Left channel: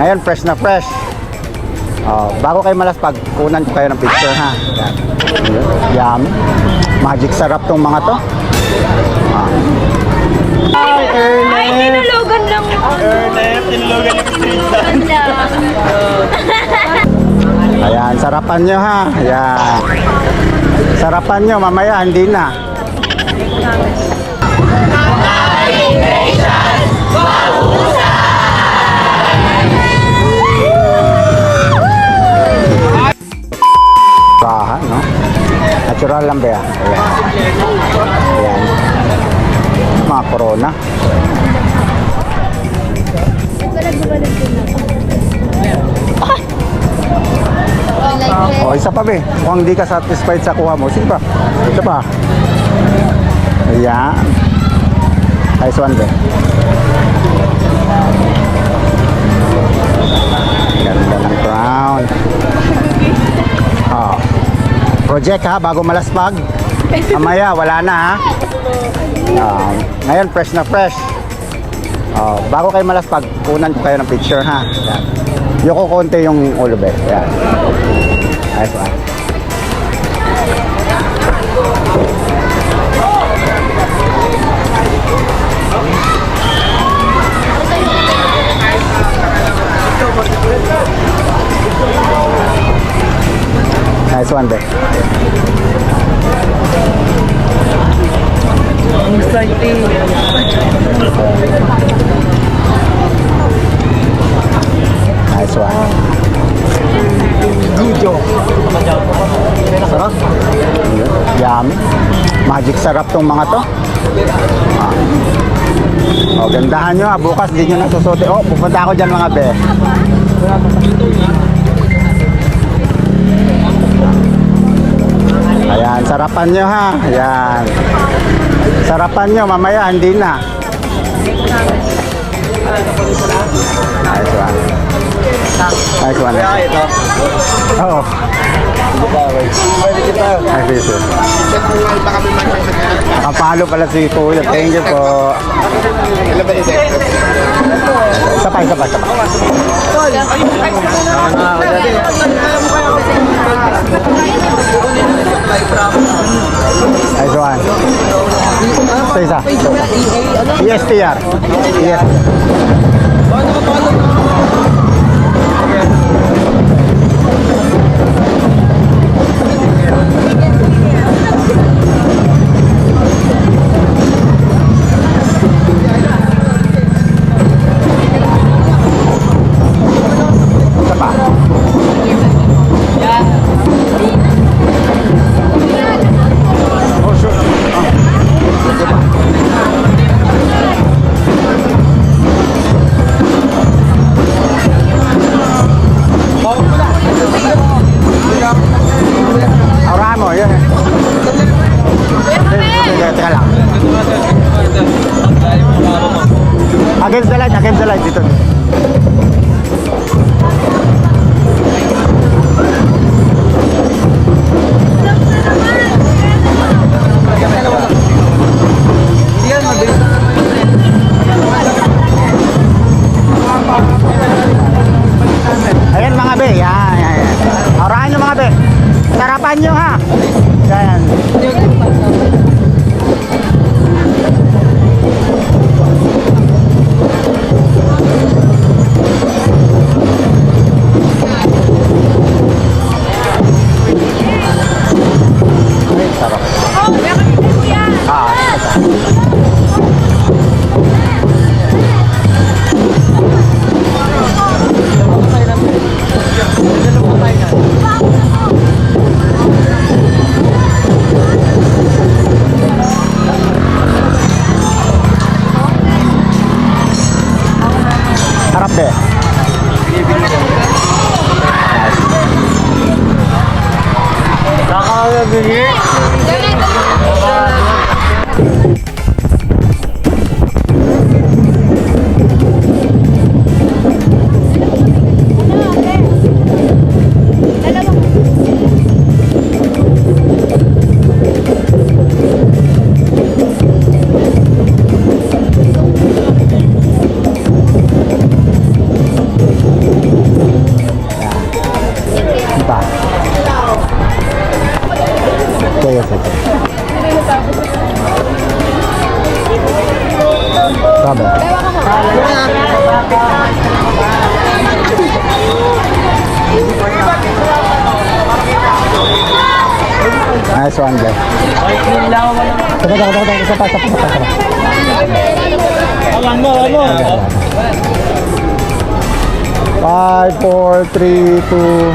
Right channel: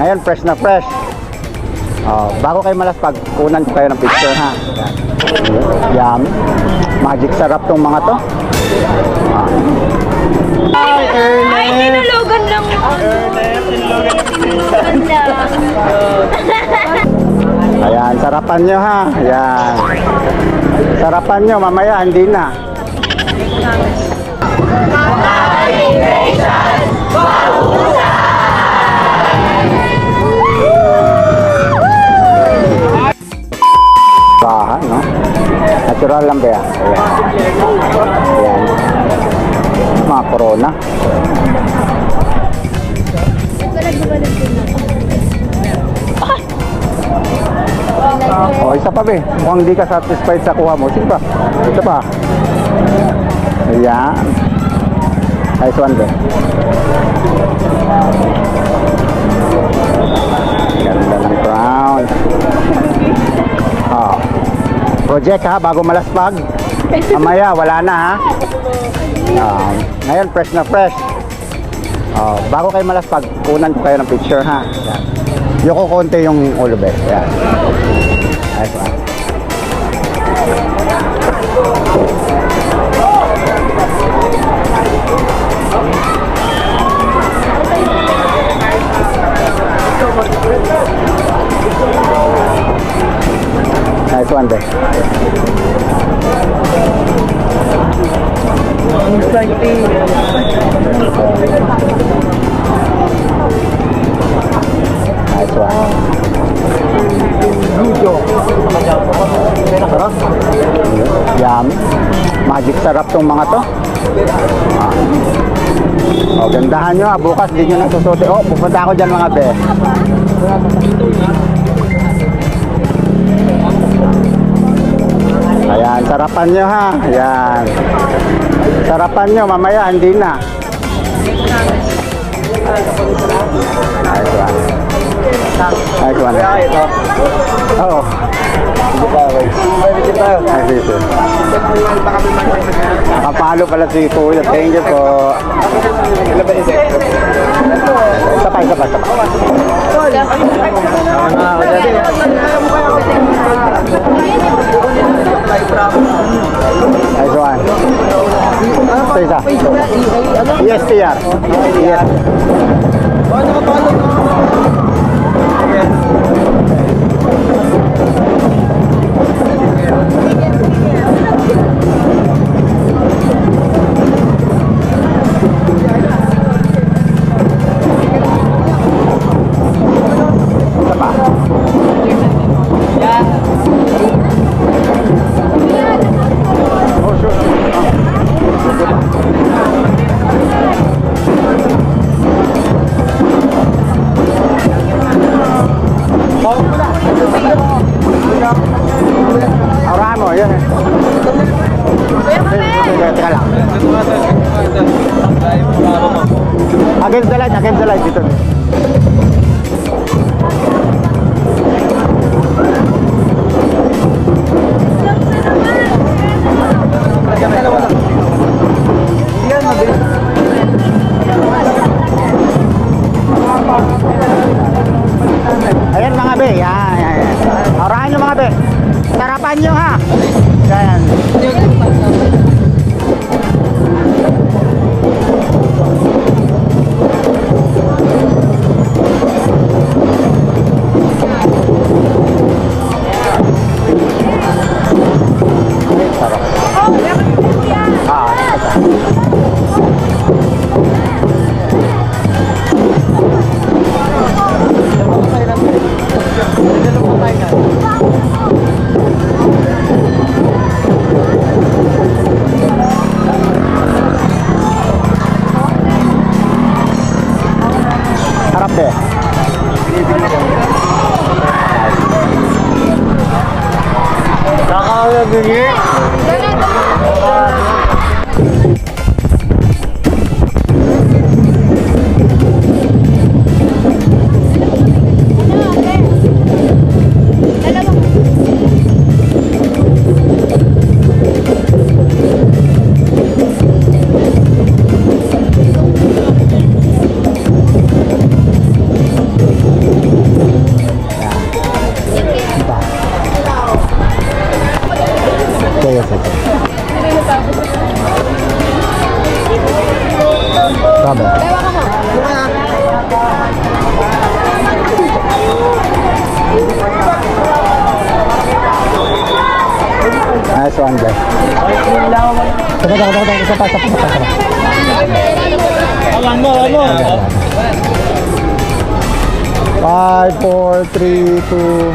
Ngayon, fresh na fresh. Bago kayo malaspag, kunan ko kayo ng picture ha. Yummy. Magic sarap tong mga to. Hi, Ernest! Ay, tinulugan lang mo. Ernest, tinulugan lang. Ayan, sarapan nyo ha. Ayan. Sarapan nyo, mamaya hindi na. Baha, no? Natural lang ba yan? Ayan. Ayan. Mga corona. Isa pa be. Kung hindi ka satisfied sa kuha mo, sige pa. Ito pa. Ayan. Nice one be. Ganda ng crown. Project ha, bago malaspag. Mamaya, wala na ha. Ngayon, fresh na fresh. Bago kayo malaspag, kunan ko kayo ng picture ha. Ayan. Yoko konti yung ulo be. Ayan. Nice one. Nice one be. Nice one. Sarap. Yummy. Magic sarap tong mga to. Gandahan nyo ha. Bukas di nyo nasusuti. Pupunta ako dyan mga be. Ayan, sarapan nyo ha. Ayan. Sarapan nyo, mamaya hindi na. Nice one. Nice one. Oo. Nice one. Nakapalo pala si Kuya. Thank you po. Isa pa. Nice one. Isa. ESPR. Against the light dito. Ayan mga be, yan. Orahan nyo mga be. Sarapan nyo ha. Yan. Harap deh. Kakak begini. Nice one, guys. Isa pa. Alam mo. 5, 4, 3, 2.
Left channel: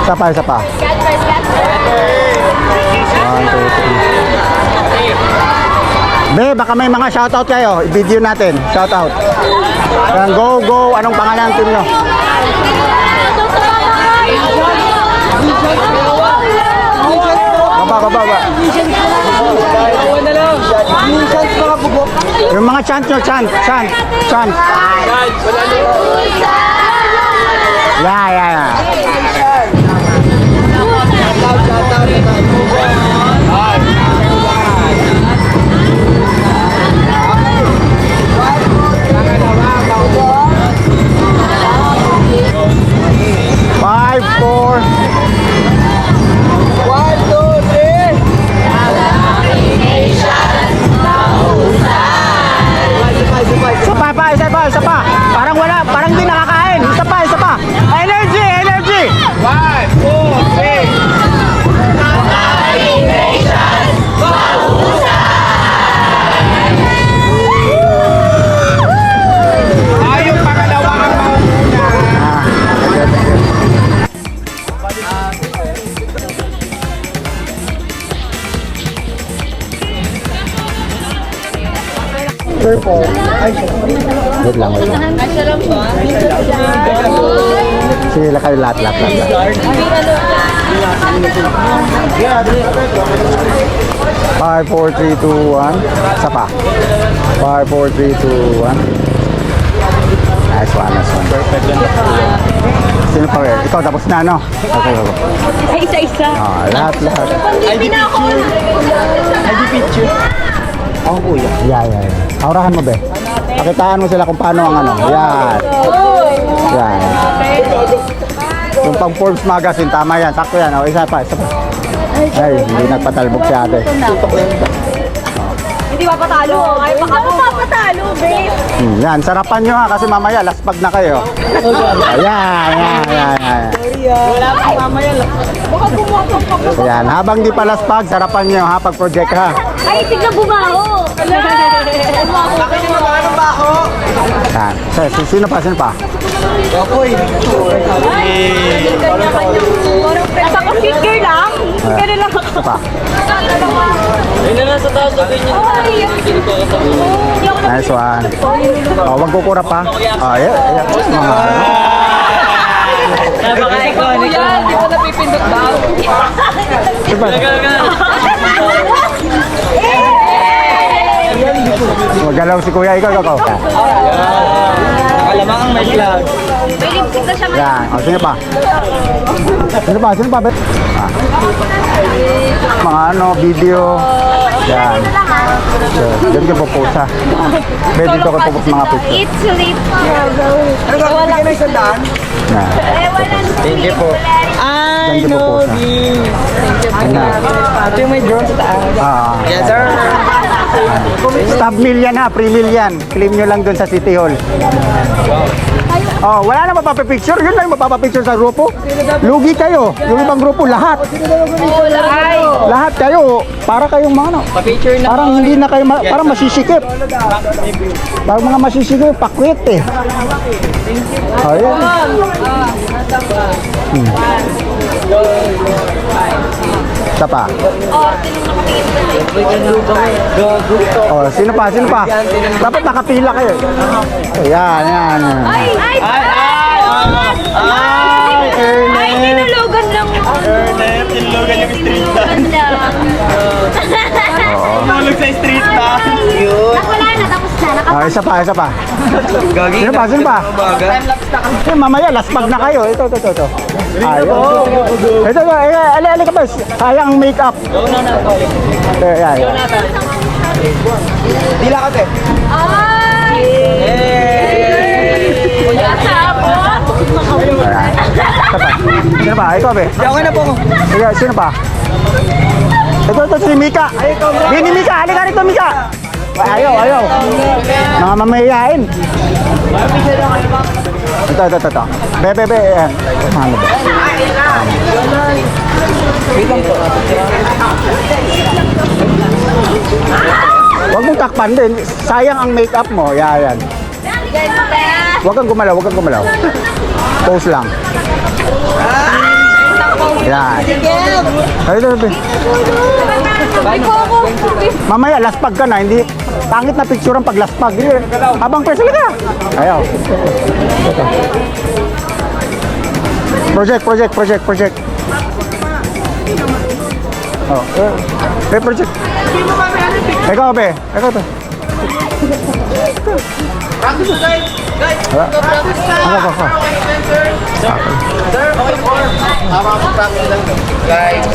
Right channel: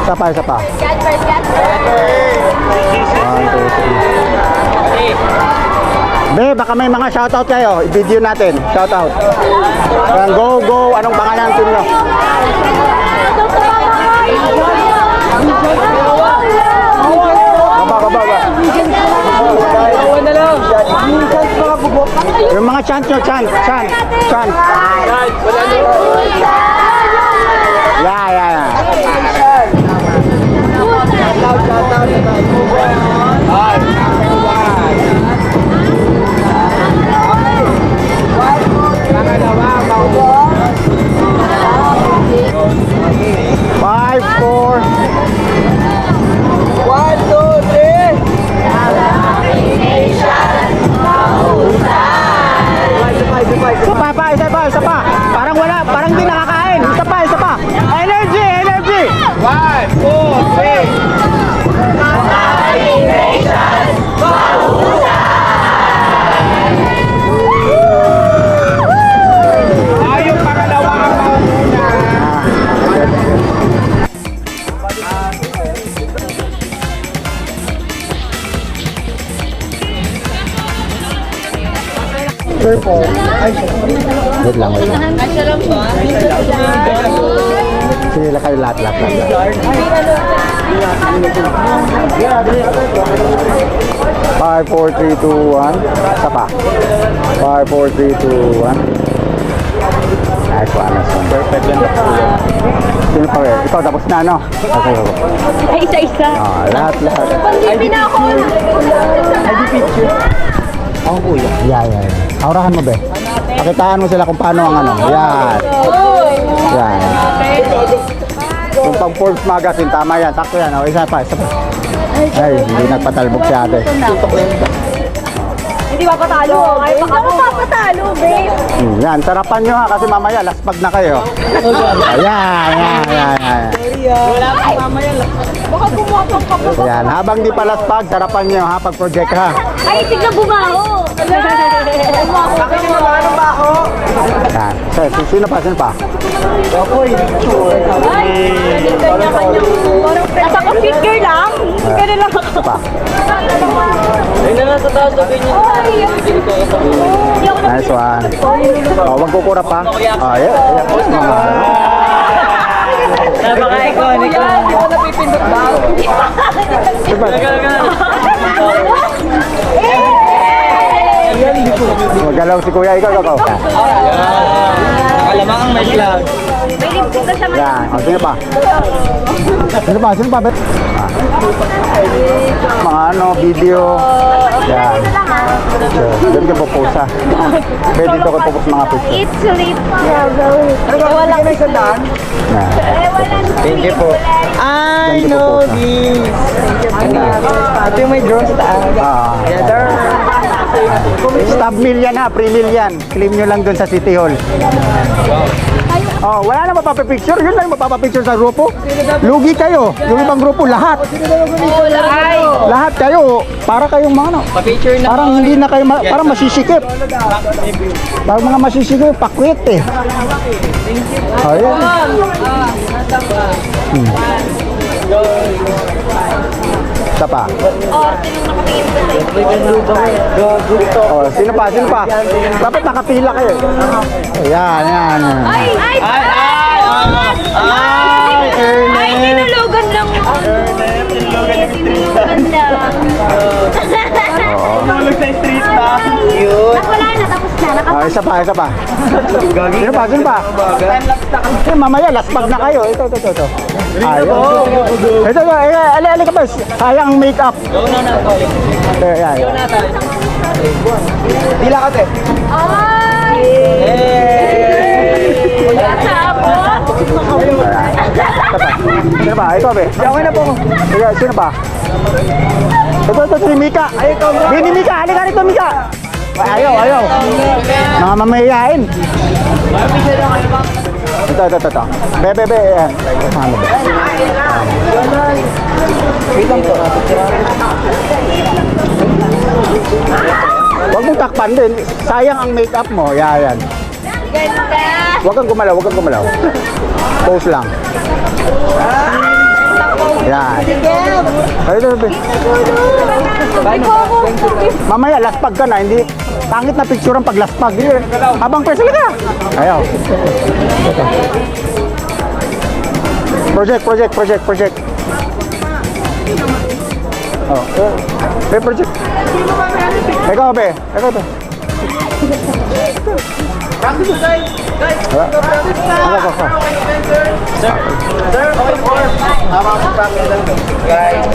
Isa pa. 1, 2, 3. Be, baka may mga shoutout kayo. I-video natin. Shoutout. Yan, go. Anong pangalan ng team nyo? Baba. Yung mga chant nyo, chant. Yeah. Five, 4. 1, 2, 3. Isa pa. Parang di nakakain. Isa pa. Energy. 1, 2, 3. Yung pangalawa ang mauna. Wait lang. Sige, kayo lahat. 5, 4, 3, 2, 1. Isa pa. 5, 4, 3, 2, 1. Nice one. Perfect lang. Sino pa rin? Ikaw, tapos na, no? Okay. Ay, isa-isa. Lahat. Hindi na ako. ID picture. Ako kuya. Yeah. Aurahan mo, be. Pakitaan mo sila kung paano ang ano. Yan. Yung pang Forbes magazine, tama yan. Sakto yan. O, isa pa. Ay, hindi nagpatalbog si ate. Hindi papatalo. Ay, baka mo papatalo, babe. Yan, sarapan nyo ha kasi mamaya laspag na kayo. Ayan. Wala pa mamaya lang. Baka bumapang ka po. Yan, habang di pa laspag, sarapan nyo ha pag project ha. Ay, tignan bumaho. Bakit yung mga ano ba ako? Yan. Sino pa? Apoy. Nasa ko figure lang. Figure lang ako. Isa pa. Ayun na lang sa taas, sabihin niyo. Nice one. Wag kukurap pa. Ayan. Mga Napaka-iconic. Hindi mo napipindot ba? Diba? Magalaw si kuya, ikaw. Nakalamang may flag. May lipstick na siya. Yan. O, sino pa? Bet? Mga video. Yan. Diyan ka popost ha. Pwede dito ka popost mga picture. It's lip trouble. Wala ka na isang daan? Yan. Thank you po. I Diyan ka know popost ha. this. Yan na. Ito yung may drone sa taas. Yes, sir. Stab mill yan ha, pre-mill yan. Claim nyo lang dun sa City Hall. Oh, wala na mapapapicture. Yun lang mapapapicture sa grupo. Lugi kayo. Yung ibang grupo, lahat. Lahat kayo. Para kayong mga ano. Pa-picture na. Parang hindi na kayo, parang masisikip. Parang mga masisikip, pakwit eh. Oh, yan. Isa pa. Oh, sino pa? Dapat nakapila kayo. Ayan. Ay, tinulugan lang mo. Tulog sa street na. Yun. Wala na, tapos na. Isa pa. Gagi. Sino pa? Eh, mamaya, laspag na kayo. Ito. Ayun. Ito. Ali ka ba? Sayang ang makeup. Ayan. Dila ka, te. Ay! Sino pa? Ito, be. Okay na po. Sige, sino pa? Ito, si Mika. Bini Mika, halika rito, Mika. Ayaw. Mga mamayayain. Ito. Ito. Bebe, yan. Ano ba? Wait lang po. Huwag mong takpan din. Sayang ang makeup mo. Yan. Huwag kang gumalaw. Pose lang. Yan. Ay, bebe. Mamaya, laspag ka na. Hindi, pangit na picture ang paglaspag. Habang pwede ka. Ayaw. Project. Oh, project. Ikaw to. Ako. Sir, okay po. Tama po practice lang. Guys,